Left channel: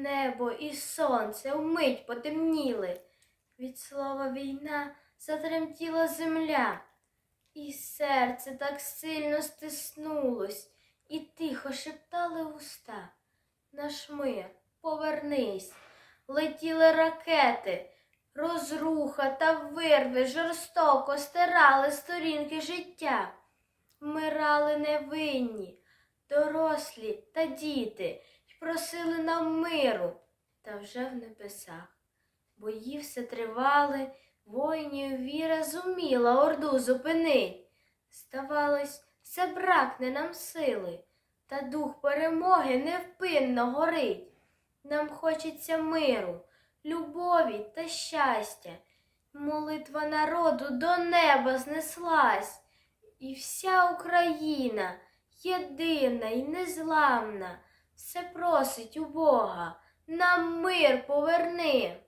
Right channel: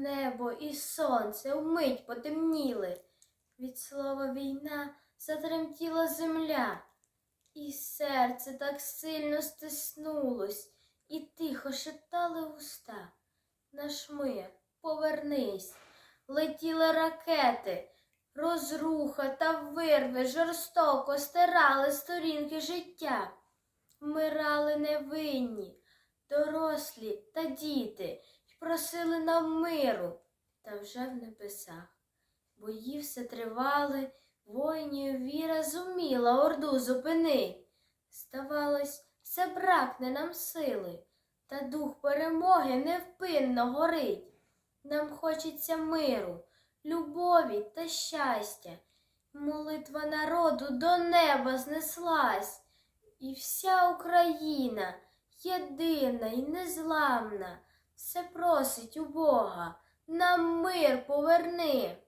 небо, і сонце вмить потемніли. Від слова війна затремтіла земля, і серце так сильно стиснулось, і тихо шептали уста. Наш мир, повернись, летіли ракети, розруха та вирви жорстоко стирали сторінки життя. Вмирали невинні, дорослі та діти, просили нам миру, та вже в небесах. Бої все тривали, воїнів віра зуміла орду зупинить. Здавалось, забракне нам сили, та дух перемоги невпинно горить. Нам хочеться миру, любові та щастя. Молитва народу до неба знеслась, і вся Україна єдина й незламна, все просить у Бога, нам мир поверни.